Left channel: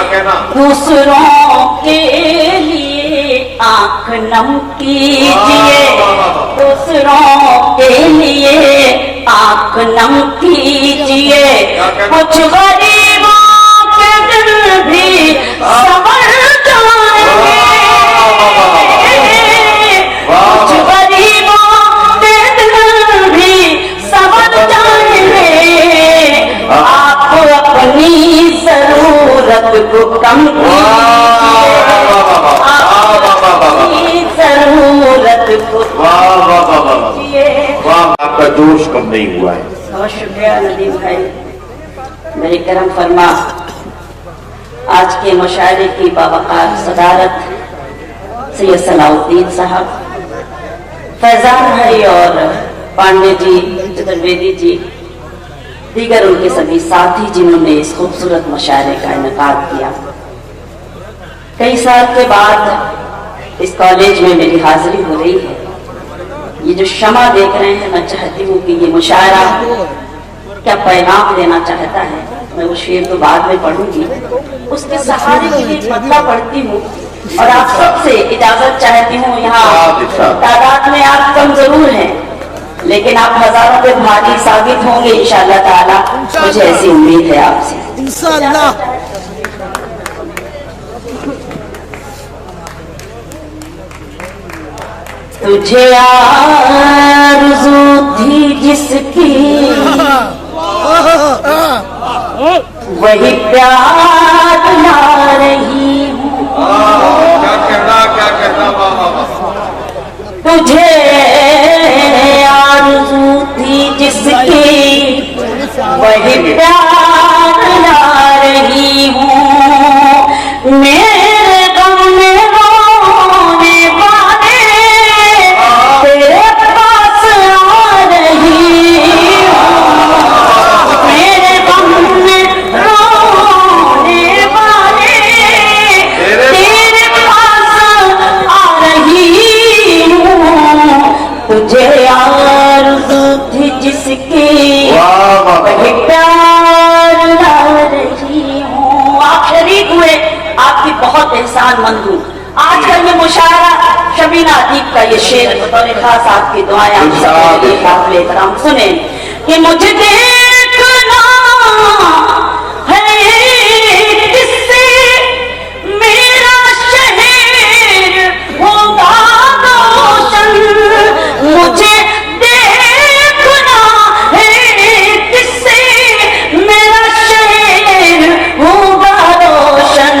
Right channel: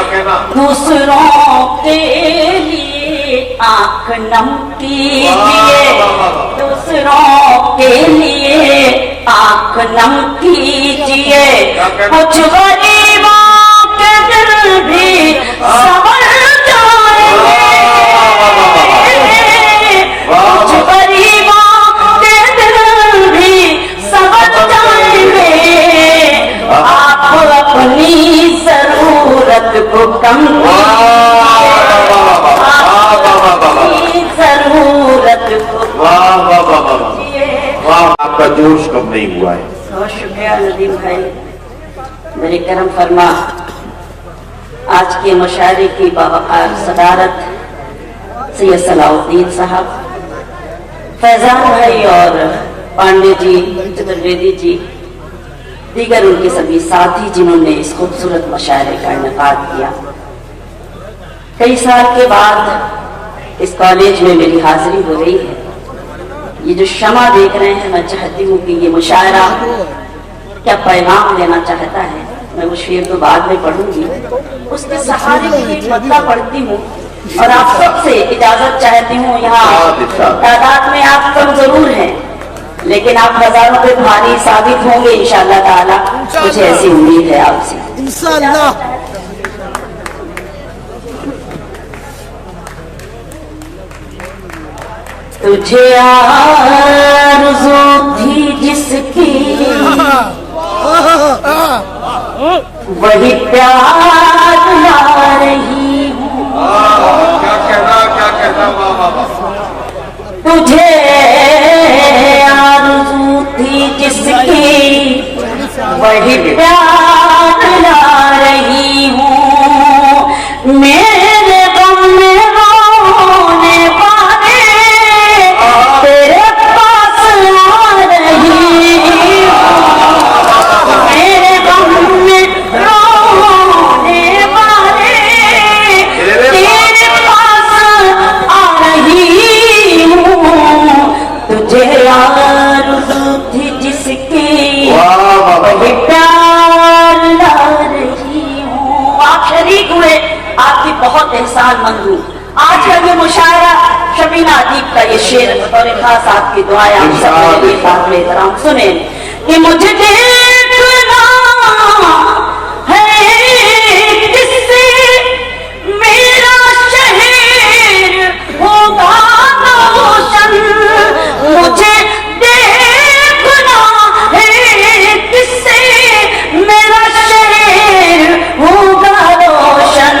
दूसरों के लिए आंख नम कीजिए, दूसरों के लिए आंख नम कीजिए, कुछ गरीबों के दिल भी संवर जाएंगे, कुछ गरीबों के दिल भी संवर जाएंगे। आप अपनी जरूरत को कम कीजिए, अपनी जरूरत को आपका जोश कम नहीं हुआ है। बहुत शुक्रिया नदीम भाई, मेरे करम फरमा। आज के मुशायरे की बावकार सदारत सैयद सलाउद्दीन साहब, फैजान भाई और पांडे जी, चतुर्वेदी जी, दीगर उनके सभी साथी जिन्होंने इस खूबसूरत मुशायरे का इनेकाद किया। कई साल के बाद इस कॉलेज में मेरी हाजिरी हो रही है। ये जो शमा देख रहे हैं, मैं चाहती हूँ कि ये मुशायरा क्या पैगाम देना चाहता है, मैं वो शेर तो बाद में पढ़ूंगी, उसके सहारे में एक मतला पढ़ती हूँ और आप सबसे इजाजत चाहती हूँ। यहाँ तादाद में आप कम जरूर हैं, लेकिन आप हजारों पे भारी साबित होंगे इंशाअल्लाह ताला, मुझे ऐसी उम्मीद है आपसे इंशाअल्लाह। तुझे आरज़ू थी जिसकी वही प्यार ला रही हूँ, तुझे आरज़ू थी जिसकी वही प्यार ला रही हूँ, मेरे गम में रोने वाले तेरे पास आ रही हूँ, मेरे गम में रोने वाले तेरे पास आ रही हूँ, तुझे आरज़ू थी जिसकी वही प्यार ला रही हूँ। आप शरीक हुए, आपकी बहुत एहसानमंद हूँ। आज है ये मुशायरा शबीना अदीब का ये शेर और खास आपकी दुआएं आप सुने कि मुझे देखना है किससे मेरा शहर होगा रोशन, मुझे देखना है किससे मेरा शहर होगा रोशन, वो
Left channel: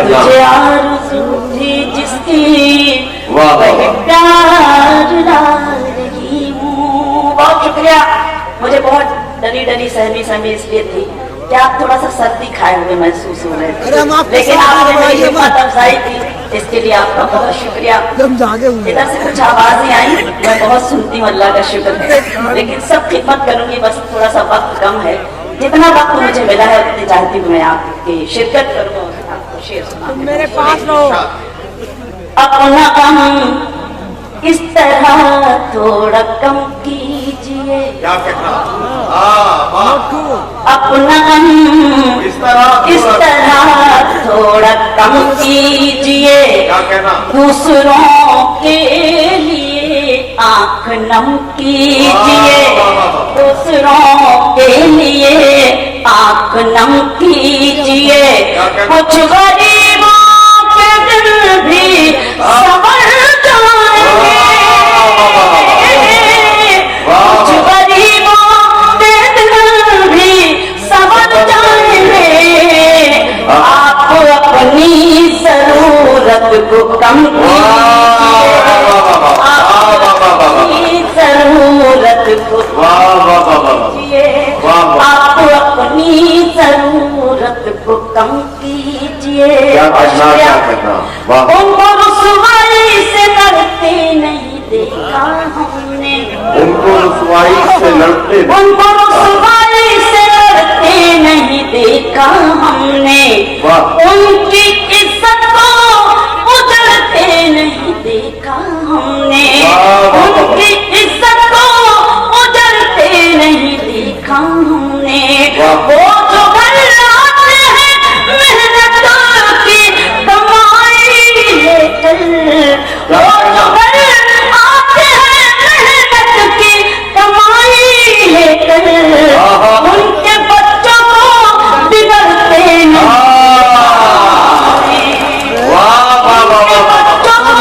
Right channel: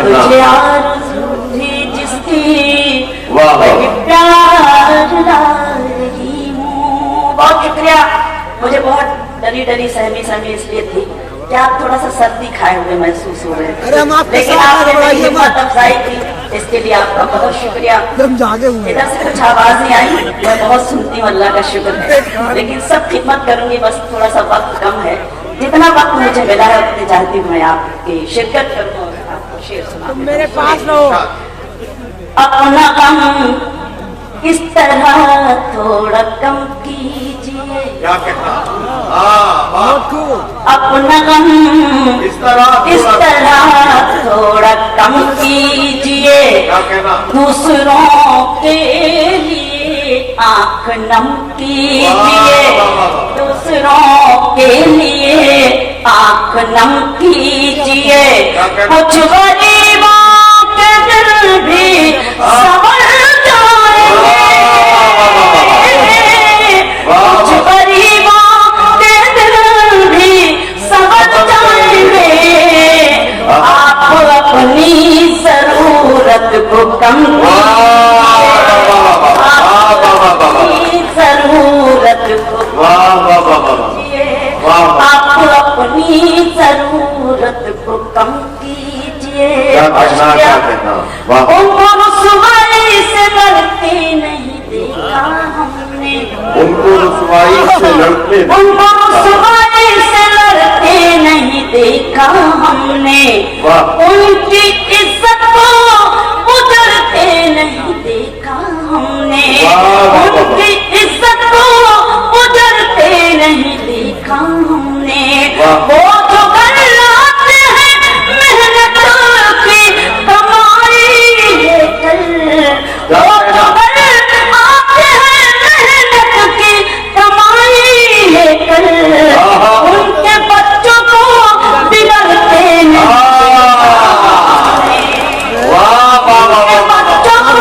तुझे आरज़ू थी जिसकी वही प्यार ला रही हूँ। बहुत शुक्रिया। मुझे बहुत डरी डरी सहमी सहमी इसलिए थी कि आप थोड़ा सा सर्दी खाए हुए महसूस हो रहे। अरे हम आपके साथ घबराइए मत, इसके लिए आपका बहुत शुक्रिया। हम जागे हुए इधर से कुछ आवाजें आई, मैं बहुत सुनती हूँ, अल्लाह का शुक्र है, लेकिन सब खिदमत करूंगी, बस थोड़ा सा वक्त कम है। जितना वक्त मुझे मिला है उतनी चाहती हूँ मैं आपकी शिरकत करूँ, आपको शेर सुनाऊं। मेरे पास लो। अपना गम इस तरह थोड़ा कम कीजिए, अपना गम इस तरह थोड़ा कम कीजिए, दूसरों के लिए आंख नम कीजिए, दूसरों के लिए आंख नम कीजिए, कुछ गरीबों के दिल भी संवर जाएंगे, कुछ गरीबों के दिल भी संवर जाएंगे। आप अपनी जरूरत को कम कीजिए, अपनी जरूरत को आप अपनी जरूरत को कम कीजिए। उनको रुसवाई से लड़ते नहीं देखा हमने, उनको रुसवाई से लड़ते उनको रुसवाई वाह। उनकी इज्जत को उजड़ते नहीं देखा हमने, वाह। उनकी इज्जत को उजड़ते नहीं देखा हमने। वाह। वो जो बनाते हैं मेहनत की कमाई लेकर, वो जो बनाते हैं मेहनत की कमाई लेकर, उनके बच्चों को बिगड़ते नहीं, वाह वाह वाह वाह वाह। बच्चों को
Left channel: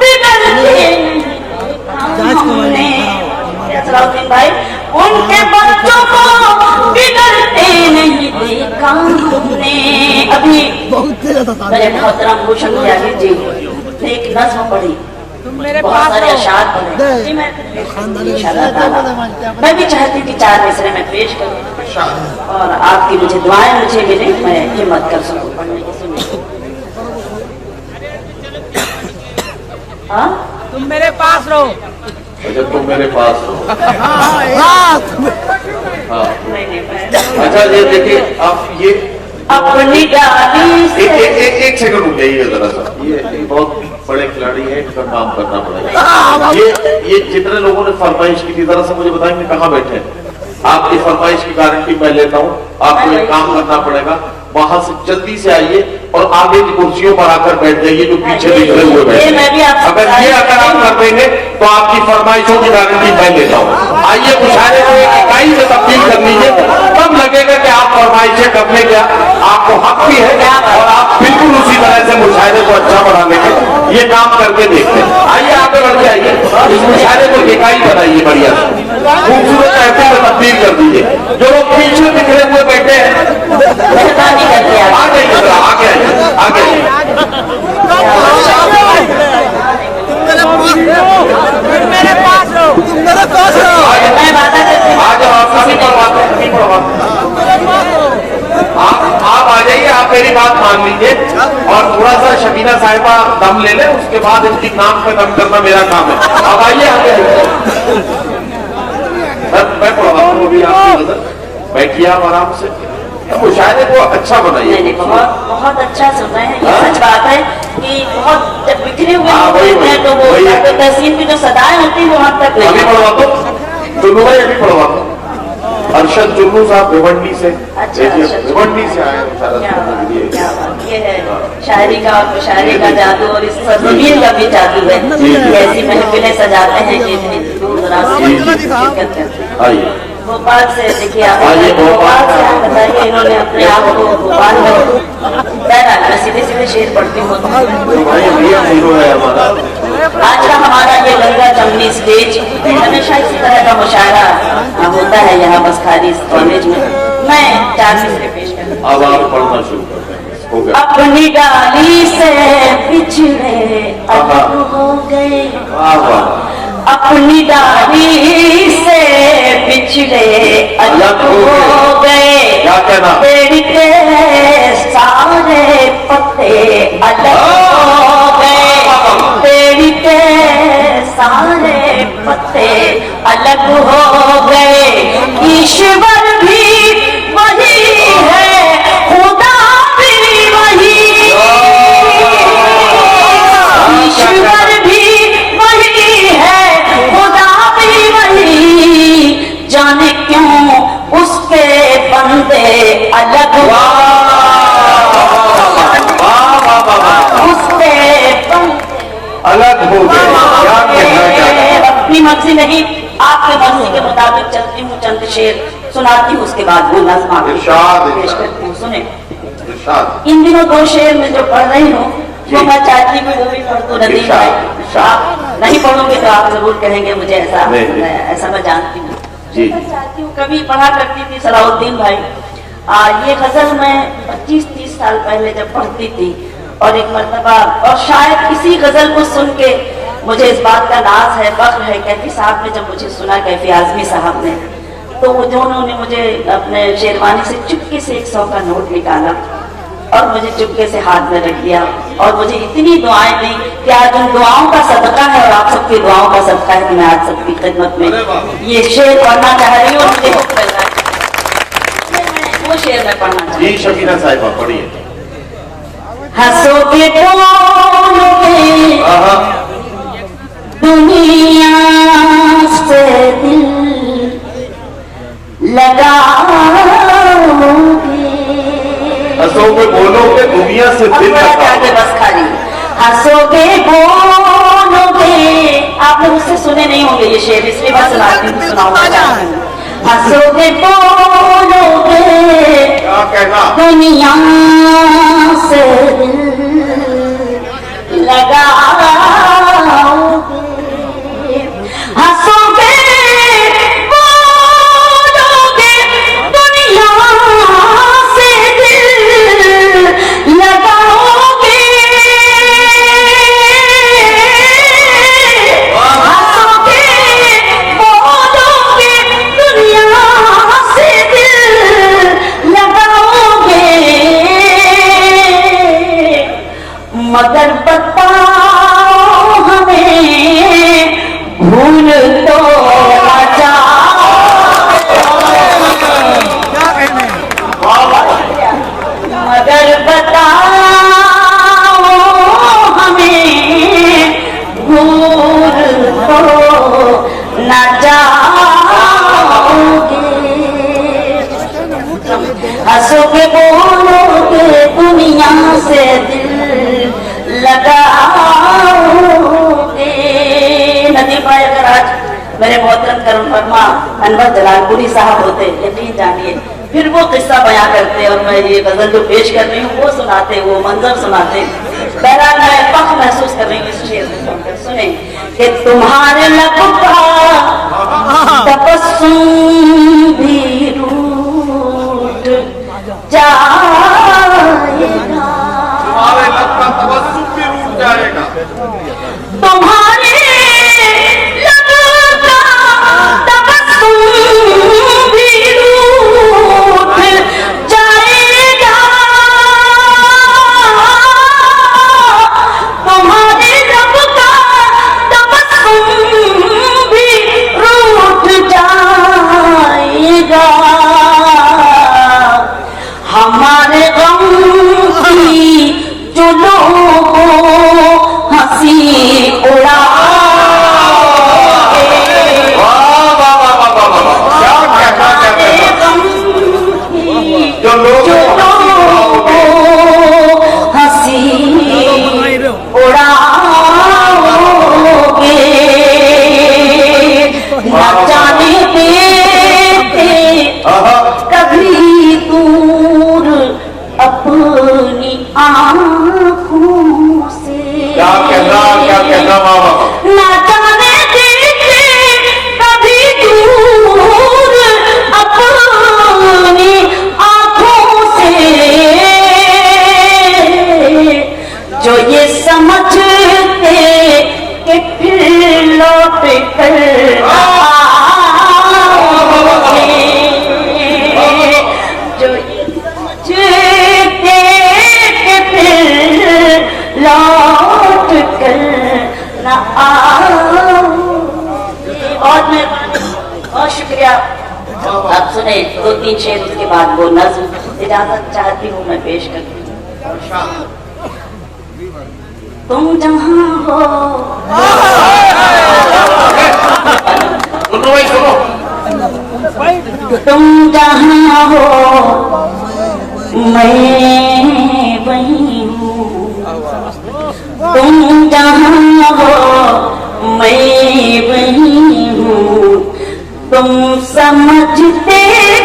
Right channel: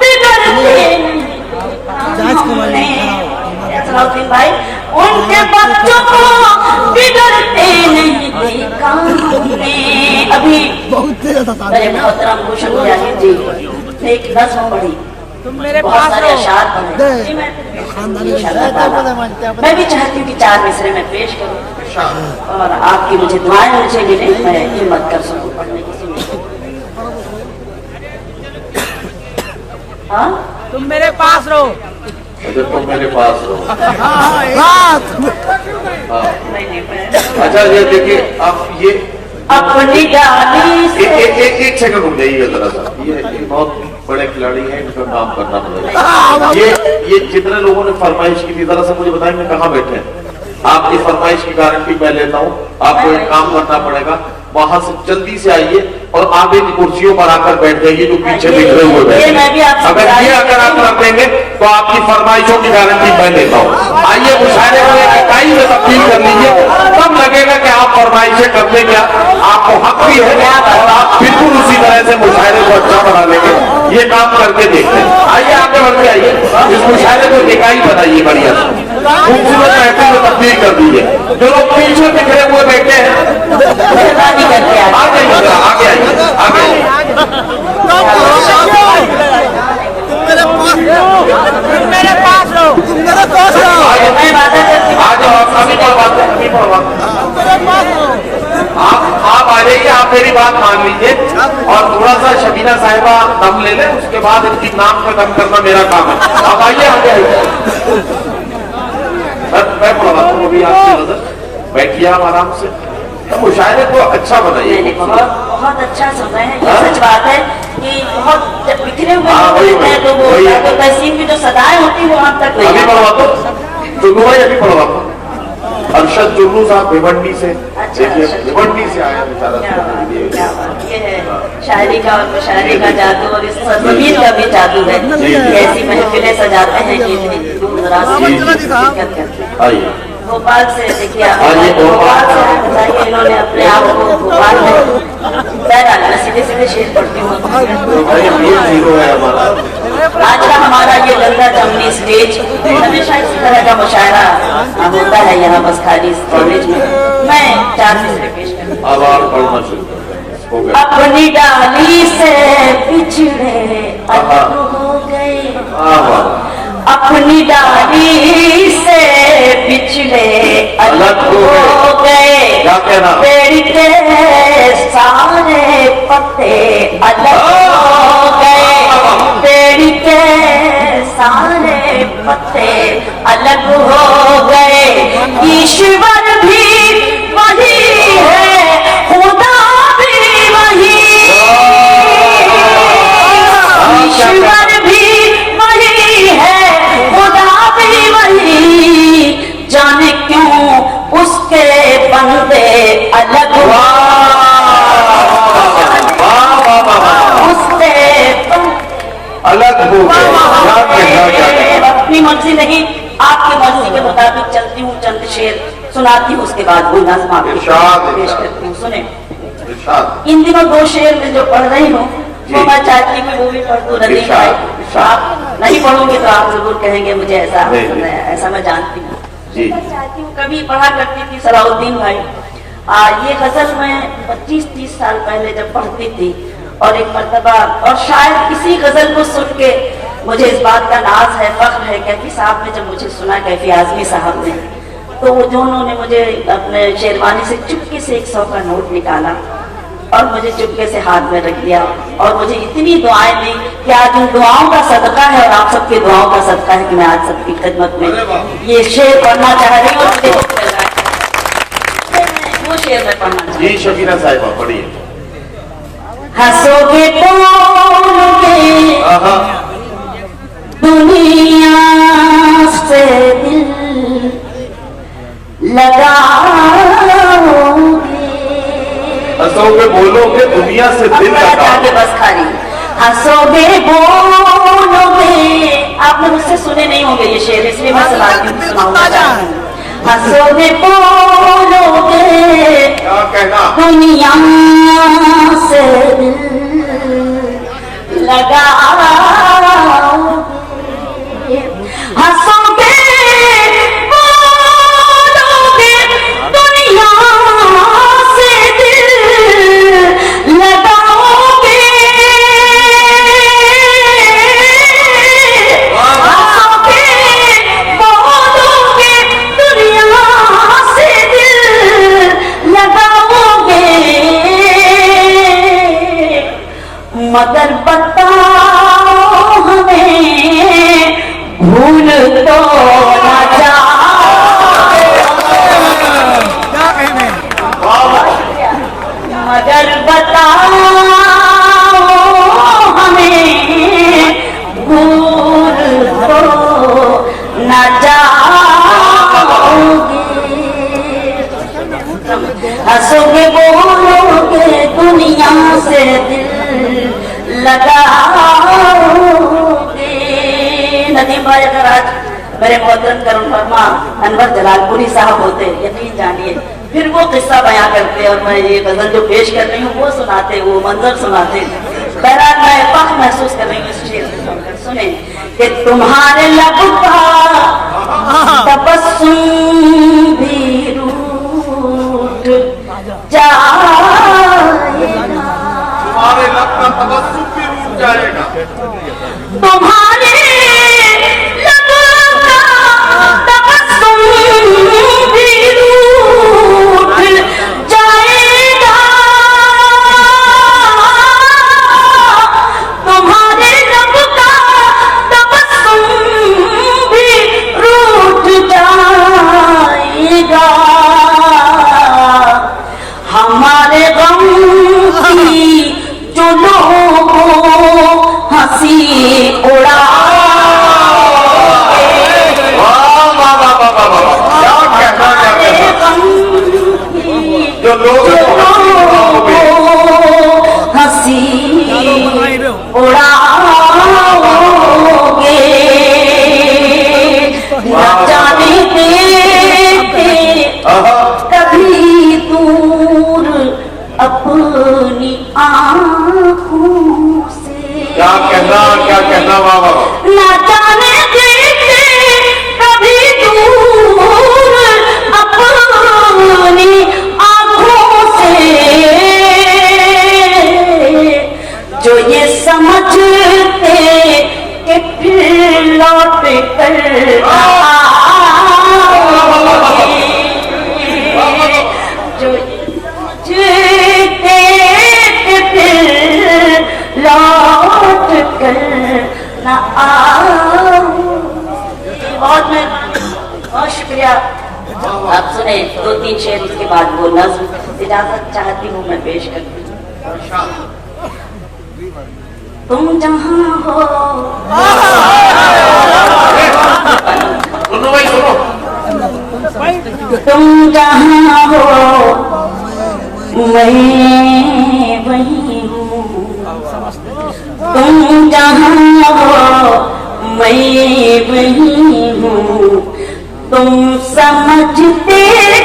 बिगड़ते नहीं। जांच को माने सलाउद्दीन भाई, उनके बच्चों को बिगड़ते नहीं देखा हमने। अभी बहुत तेज था मेरे मोहतरम भूषण मुरारी जी ने एक नज़्म पढ़ी, बहुत सारे अशार पढ़े। मैं भी चाहती हूँ कि 4 मिसरे में पेश करूँ और आपकी मुझे दुआएं मुझे मिले, मैं हिम्मत कर सकूँ पढ़ने की। सुनिए। हाँ, तुम मेरे पास रहो। अच्छा तुम मेरे पास हो। हाँ हाँ। नहीं नहीं मैं अच्छा ये देखिए आप ये अपनी डाली से एक सेकंड रुक जाइएगा जरा सा। ये बहुत बड़े खिलाड़ी हैं, इनका काम करना पड़ेगा। ये जितने लोगों ने फरमाइश की थी जरा सा मुझे बताएं मैं कहाँ बैठे हैं। आपकी फरमाइश की गारंटी मैं लेता हूँ। आपको एक काम करना पड़ेगा, वहां से जल्दी से आइए और आगे की कुर्सियों पर आकर बैठ जाइए जो पीछे निकले हुए बैठे। अगर आप कर देंगे तो आपकी फरमाइशों की गारंटी मैं लेता हूँ। आइए मुशायरे को इकाई से तब्दील कर लीजिए, तब लगेगा कि आप फरमाइशें करने के आपको हक भी है और आप बिल्कुल उसी तरह से मुशायरे को अच्छा बना लेंगे। ये काम करके देखते हैं। आइए आगे बढ़ जाइए, इस मुशायरे को इकाई बनाइए बढ़िया खूबसूरत रहते हुए तब्दील कर दीजिए। जो लोग पीछे बिखरे हुए बैठे हैं आगे आगे तुम मेरे पास रहो। तुम मेरे पास रहो। आप आ जाइए, आप मेरी बात मान लीजिए और थोड़ा सा शकीना साहिबा दम ले लें, उसके बाद उनकी नाक में दम करना मेरा काम है। अब आइए आगे मैं पढ़वा हूँ अभी आपकी नजर, बैठिए आप आराम से। मुशायरे को अच्छा बनाइए। बहुत अच्छा सुना है। ये सच बात है कि बहुत जब बिखरे हुए हाँ, लोग वही, होते हैं तो वो वही। तहसीन की जो सदाएं होती है वो वहाँ तक अभी नहीं पढ़वा दो जुल्लू भाई, अभी पढ़वा दो। अरशद जुल्लू साहब भिवंडी से, भिवंडी से आए शायरी का और मुशायरे का जादू और इस सरजमीन का भी जादू है। ऐसी महफिलें सजाते हैं कि दूर दराज से आइए। भोपाल से देखिए आइए, भोपाल से इन्होंने अपने आप को भोपाल में पैदा मैं सीधे सीधे शेर पढ़ती हूँ। आज का हमारा ये गंगा जमुनी स्टेज हमेशा इस तरह का मुशायरा होता है यहाँ बस खाली इस कॉलेज में। मैं 4 मिसरे पेश करूँ। अब आप पढ़ना शुरू कर दें, हो गया। अपनी डाली से बिछड़े अलग हो गए, अपनी डाली से बिछड़े अलग हो गए, पेड़ के सारे पत्ते अलग हो गए, पेड़ के सारे पत्ते अलग हो गए। ईश्वर भी वही है, खुदा भी वही, ईश्वर भी वही है, खुदा भी वही, जाने क्यों उसके बंदे अलग उसके अलग हो गए। अपनी मर्जी नहीं, आपकी मर्जी के मुताबिक चलती हूँ, चंद शेर सुनाती हूँ, उसके बाद वो नज़्म पेश करती हूँ। सुने, इन दिनों 2 शेर में जो पढ़ रही हूँ वो मैं चाहती हूँ वो भी पढ़ दूँ। आप नहीं पढ़ोगे तो आप जरूर कहेंगे मुझे ऐसा मैं जानती हूँ। मैं चाहती हूँ, कभी पढ़ा करती थी सलाउद्दीन भाई, ये गजल मैं 25-30 साल पहले जब पढ़ती थी और एक मर्तबा, और शायद इसी गजल को सुन के मुझे इस बात का नाज है, फख्र है, कैफी साहब ने जब मुझे सुना, कैफी आजमी साहब ने, तो वो दोनों ने मुझे अपने शेरवानी से चुपके से 100 का नोट निकाला और मुझे चुपके से हाथ में रख दिया और मुझे इतनी दुआएं दी कि आज उन दुआओं का सदका है और आप सबके दुआओं का सदका है कि मैं आज सबकी खिदमत में ये शेर पढ़ना चाह रही हूँ और मुझे वो शेर में पढ़ना जी शकीना साहिबा पढ़िए। हंसोगे बोलोगे दुनिया से दिल लगाओगे। हंसोगे बोलोगे दुनिया से दिल लगाओगे। बस खाली हंसोगे बोलोगे, आपने मुझसे सुने नहीं होंगे ये शेर, इसलिए मैं सुनाती हूँ। हंसोगे बोलोगे क्या कहना दुनिया से दिल लगाओगे। हंसोगे बोलोगे दुनिया से दिल लगाओगे। हंसोगे बोलोगे दुनिया से दिल लगाओगे। मगर बताओ हमें भूल तो ना जाओगे। मगर बताओ हमें भूल तो ना जाओगे। हंसोगे बोलोगे दुनिया से दिल लगाओगे। नदीम भाई अगर आज मेरे मोहतरम करुण वर्मा अनवर जलालपुरी साहब होते, यकीन जानिए फिर वो किस्सा बयां करते और मैं ये गजल जो पेश कर रही हूँ वो सुनाते, वो मंजर सुनाते। बहरहाल मैं फख्र महसूस कर रही हूँ इस शेर को सुनकर। सुने कि तुम्हारे लब का तबस्सुम भी रूठ जाएगा। तुम्हारे लग का तबस्सुम भी उठ जाएगा। तुम्हारे लब का तबस्सुम भी रूठ जाएगा। तुम्हारे लब का तबस्सुम भी रूठ जाएगा। हमारे गम की जो लोगों हंसी उड़ा जो लोग हंसी उड़ाओगे। न जाने देते कभी दूर अपनी आँखों से। क्या कहना बाबा न जाने देते कभी दूर अपनी आँखों से। जो ये समझते कि फिर लौट कर आओगे। जो ये समझते कि फिर लौट कर न आओगे। बहुत शुक्रिया। आप सुने 2-3 शेर, उसके बाद वो नज़्म इजाजत चाहती हूँ मैं पेश करती हूँ। तुम जहाँ हो सुनो भाई सुनो। तुम जहाँ हो मैं वहीं हूँ। तुम जहाँ हो मैं वहीं हूँ। तुम समझते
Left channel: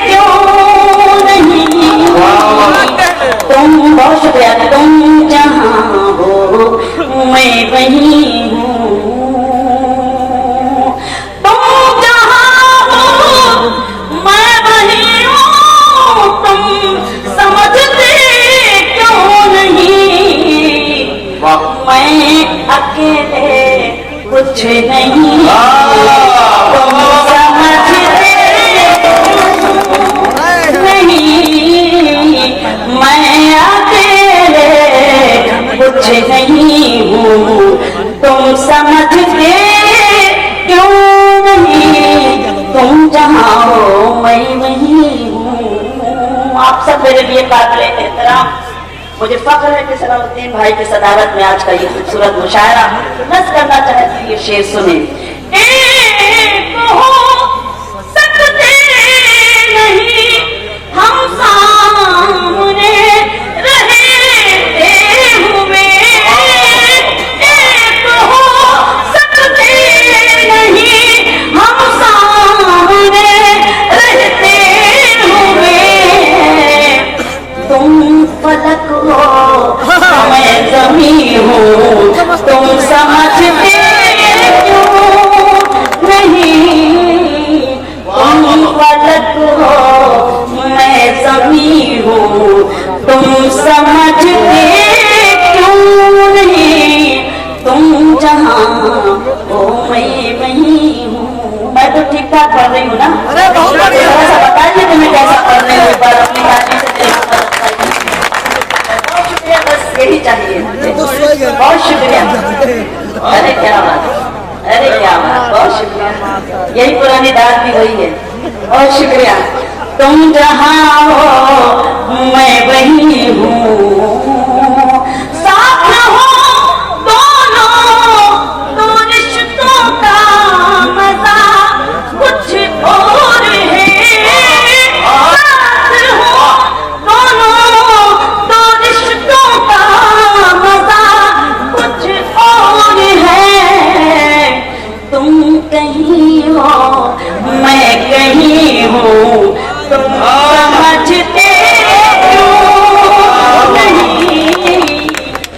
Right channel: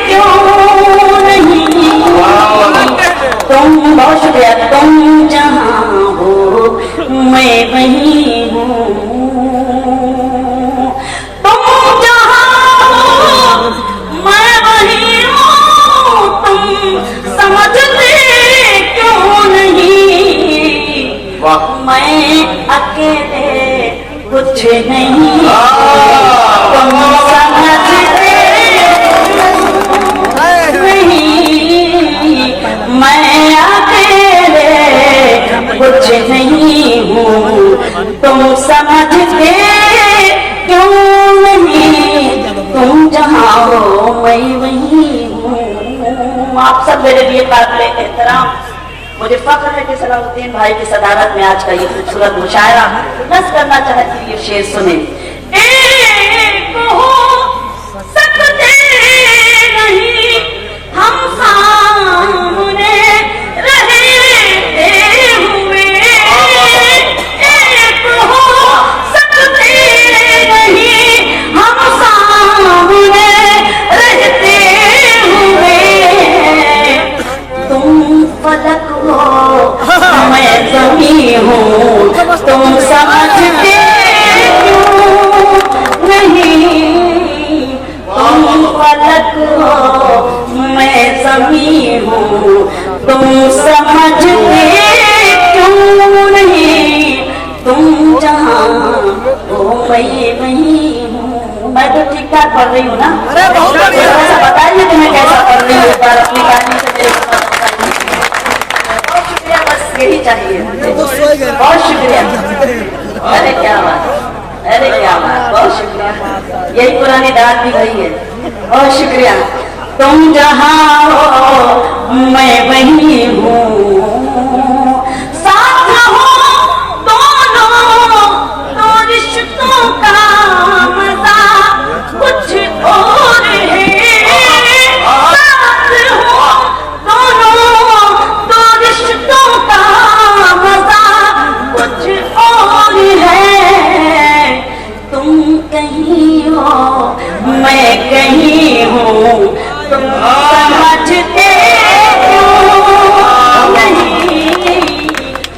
क्यों नहीं। तुम बहुत शुक्रिया। तुम जहाँ हो मैं वहीं हूँ। तुम जहाँ हो मैं वहीं हूँ। तुम समझते क्यों नहीं। मैं अकेले कुछ नहीं। तुम समझते नहीं। मैं अकेले कुछ नहीं हूँ। तुम समझते क्यों नहीं। तुम जहाँ हो मैं वहीं हूँ। आप सब मेरे लिए काबिल एहतराम मुझे फख्र है कि सलाउद्दीन भाई की सदारत में आज का ये खूबसूरत मुशायरा नज़्म करना चाहती हूँ। ये शेर सुने। एक हो सकते नहीं हम सामने रहते हुए, एक हो सकते नहीं हम सामने रहते हुए, तुम फलक हो मैं ज़मीं हूँ, तुम समझते नहीं, तुम फलक हो मैं ज़मीं हूँ, तुम समझते क्यों नहीं, तुम जहाँ हो मैं नहीं हूँ। मैं तो ठीक ठाक पढ़ रही हूँ ना? अरे बहुत बढ़िया। थोड़ा सा बताइए कि मैं कैसे पढ़ रही हूँ, पर अपनी बात नहीं सुन रही। बहुत शुक्रिया, बस यही चाहिए मुझे। तो सोए गए। बहुत शुक्रिया। अरे क्या बात, अरे क्या बात, बहुत शुक्रिया। यही पुरानी दाद भी वही है। बहुत शुक्रिया। तुम जहाँ हो मैं वही हूँ, साथ हो दोनों दो रिश्तों का मजा कुछ और है, साथ हो दोनों दो रिश्तों का मजा कुछ और है, तुम कहीं हो मैं कहीं हूँ, तुम समझते नहीं,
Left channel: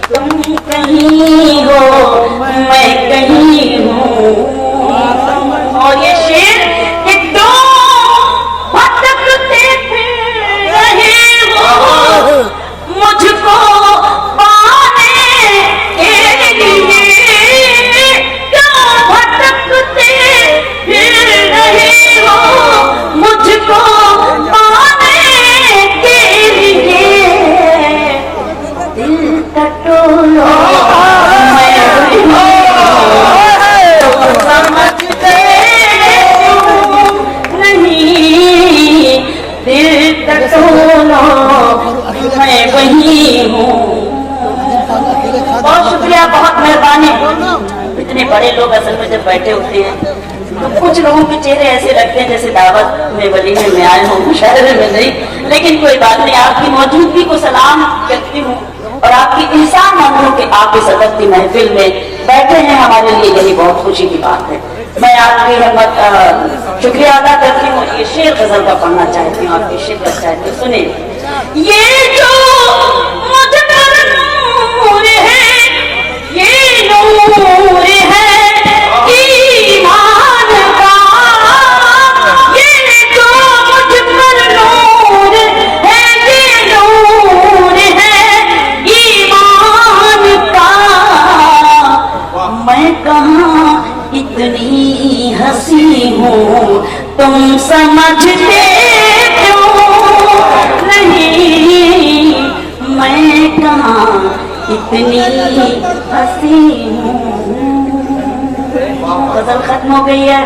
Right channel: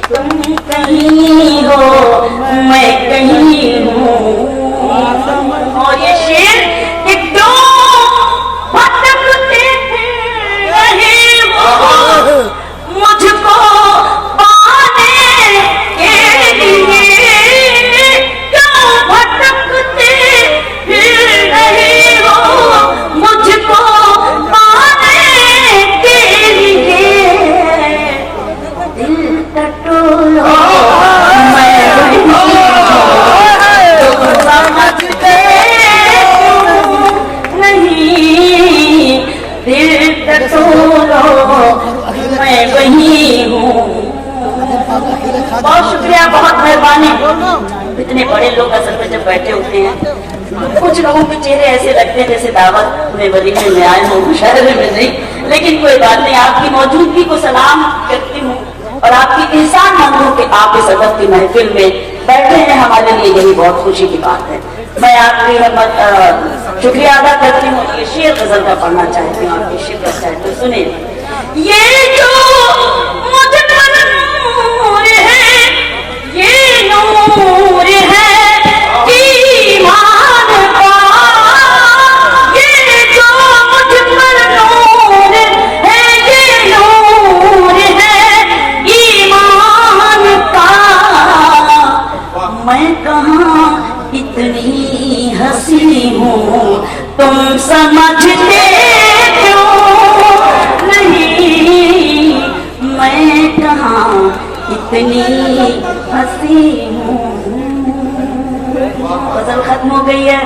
तुम कहीं हो मैं कहीं हूँ। और ये शेर कि दो भटकते रहे वो मुझको पाने के लिए, क्यों भटकते रहे वो मुझको पाने के लिए, दिल का टोला मैं समझते नहीं, दिल का टोला मैं वही हूँ। बहुत शुक्रिया, बहुत मेहरबानी। इतने बड़े लोग असल में जब बैठे होते हैं तो कुछ लोगों के चेहरे ऐसे लगते हैं जैसे दावत में वलीमे में आए हों, मुशायरे में नहीं। लेकिन कोई बात नहीं, आपकी मौजूदगी को सलाम करती हूँ और आपकी इंसान मानूं कि आप इस अदब की महफिल में बैठे हैं, हमारे लिए यही बहुत खुशी की बात है। मैं आपकी हिम्मत शुक्रिया अदा करती हूँ। ये शेर गजल का पढ़ना चाहती हूँ, आपकी शिद्दत चाहती हूँ। सुनिए। ये जो मुझ पर नूर है, ये नूर है ईमान का, ये जो मुझ पर नूर है, ये नूर है ईमान का। मैं कहाँ इतनी हंसी हूँ, तुम समझते क्यों नहीं, मैं कहाँ इतनी हंसी हूँ। गजल खत्म हो गई है।